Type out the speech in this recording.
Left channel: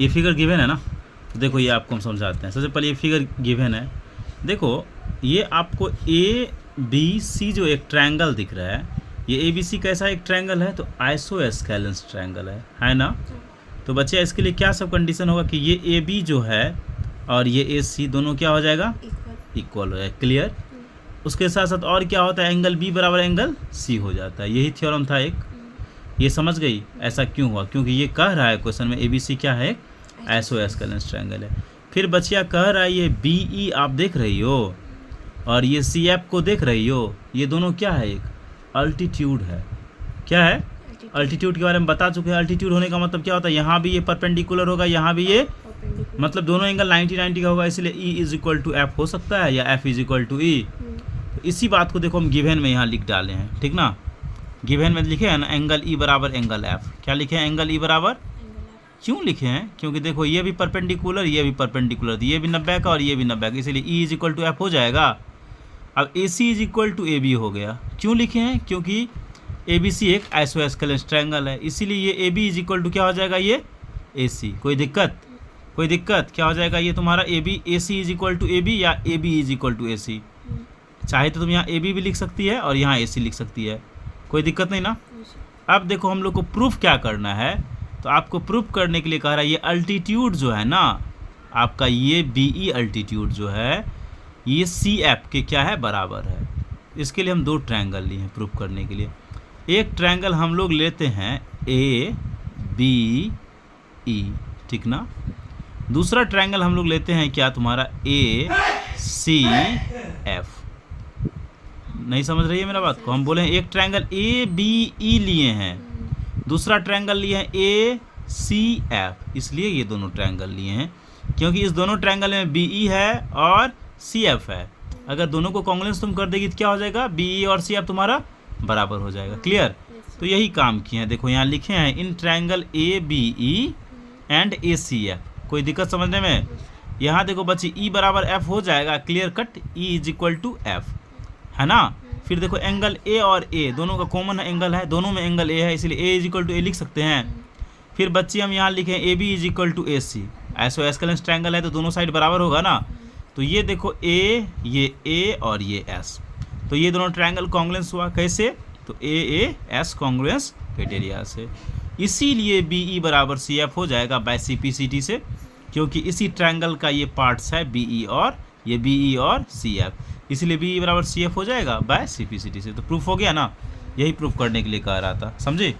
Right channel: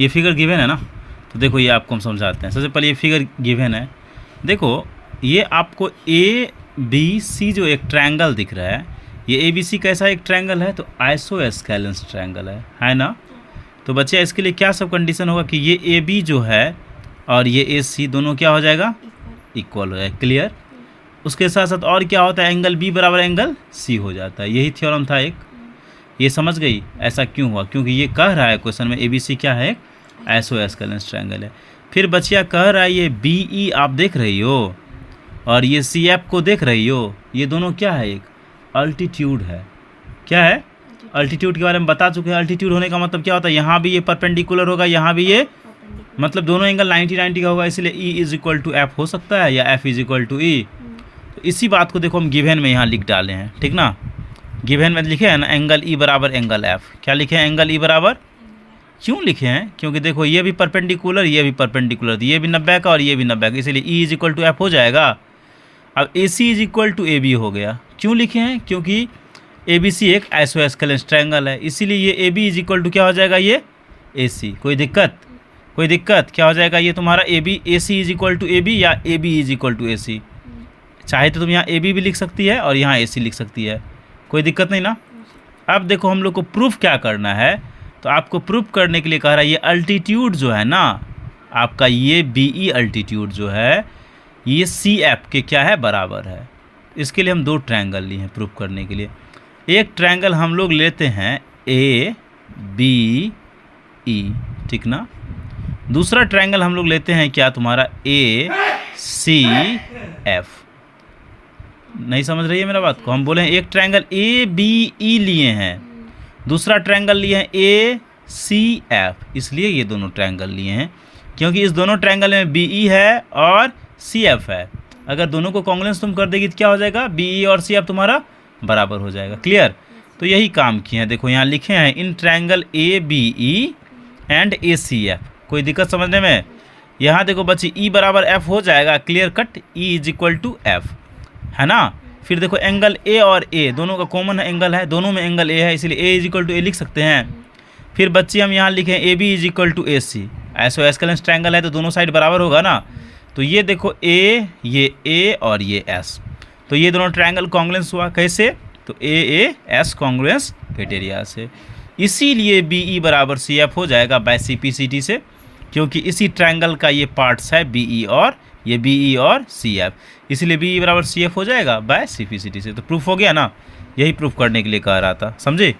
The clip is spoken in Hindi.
ये फिगर गिवन है ना, तो देखो ये आपको हम समझाते हैं। सबसे पहले ये फिगर गिवन है, देखो ये आपको ए बी सी जो एक ट्रायंगल दिख रहा है, ये ए बी सी कैसा एक ट्रायंगल है, तो आइसोस्केलेंस ट्रायंगल है ना। तो बच्चे इसके लिए क्या सब कंडीशन होगा कि ये ए बी जो है और ये ए सी दोनों क्या हो जाएगा, इक्वल हो जाएगा। क्लियर। उसके साथ साथ और क्या होता है, एंगल बी बराबर एंगल सी हो जाता है। यही थ्योरम था एक, ये समझ गई। ऐसा क्यों हुआ, क्योंकि ये कह रहा है क्वेश्चन में ए बी सी क्या है, आइसोस्केलेंस ट्रायंगल है। फिर बच्चिया कह रहा है ये बी ई आप देख रही हो और ये सी एफ को देख रही हो, ये दोनों क्या है, एक अल्टीट्यूड है। क्या है, अल्टीट्यूड के बारे में बता चुके हैं। अल्टीट्यूड होने का मतलब क्या होता है, यहाँ भी ये परपेंडिकुलर होगा, यहाँ भी ये, मतलब दोनों एंगल 90-90 का होगा, इसलिए E is equal to F हो सकता है या F is equal to E. तो इसी बात को देखो हम गिवन में यहाँ लिख डाले हैं, ठीक ना। गिवन में लिखे हैं ना एंगल ई बराबर एंगल एफ। क्या लिखे हैं, एंगल ई बराबर, क्यों लिखे हैं, क्योंकि देखो ये भी परपेंडिकुलर, ये भी परपेंडिकुलर, ये भी 90 का और ये भी 90 का, इसलिए E is equal to F हो जाएगा। अब A C is equal to A B हो गया। क्यों लिखे हैं, क्योंकि ए बी सी एक आइसोस्केलेंस ट्रायंगल है, इसीलिए ये A B is equal to क्या हो जाएगा, ये ए सी। कोई दिक्कत, कोई दिक्कत, क्या हो जाएगा ये तुम्हारा A B, A C is equal to A B या A B is equal to A C. चाहे तो तुम यहाँ ए बी भी लिख सकती है और यहाँ ए सी लिख सकती है, कोई दिक्कत नहीं ना। अब देखो हम लोग को प्रूफ क्या करना है, तो आपको प्रूफ करने के लिए कह रहा है ये अल्टीट्यूड जो है ना आपका, ये बी ई अल्टीट्यूड जो है ये सी एफ के क्या है, बराबर है। इसके लिए हम दो ट्रायंगल लिए हैं प्रूफ करने के लिए। एक ट्रायंगल हम लोग लेते हैं ए बी ई, ठीक ना। दूसरा ट्रायंगल हम लोग लेते हैं क्या तुम्हारा, ए सी एफ। नहीं समझ रही है मेरा बात को, हम बोले हैं एक ट्रायंगल ए बी ई लिए हैं, दूसरा ट्रायंगल लिए हैं ए सी एफ। इसलिए ये दोनों ट्रायंगल लिए हैं क्योंकि इस दोनों ट्रायंगल में बी ई है और सी एफ है। अगर दोनों को कॉन्ग्रुएंस तुम कर देगी तो क्या हो जाएगा, बी ई और सी एफ तुम्हारा बराबर हो जाएगा। क्लियर। तो यही काम किए हैं, देखो यहाँ लिखे हैं in triangle A B E and A C F. कोई दिक्कत समझने में, यहाँ देखो बच्ची ई बराबर एफ हो जाएगा, clear cut, E is equal to F, है ना। फिर देखो एंगल ए और ए दोनों का कॉमन एंगल है, दोनों में एंगल ए है, इसलिए A is equal to A लिख सकते हैं। फिर बच्ची हम यहाँ लिखें A B is equal to A C, isosceles triangle है तो दोनों साइड बराबर होगा ना। तो ये देखो ए और ये एस, तो ये दोनों ट्रायंगल कॉन्ग्रुएंस हुआ। कैसे, तो ए एस कॉन्ग्रुएंस क्राइटेरिया से। इसीलिए बी ई बराबर सी एफ हो जाएगा by C P C T से, क्योंकि इसी ट्रायंगल का ये पार्ट्स है बी ई और ये बी ई और सी एफ, इसलिए बी ई बराबर सी एफ हो जाएगा by C P C T से। तो प्रूफ हो गया ना, यही प्रूफ करने के लिए कह रहा था, समझे।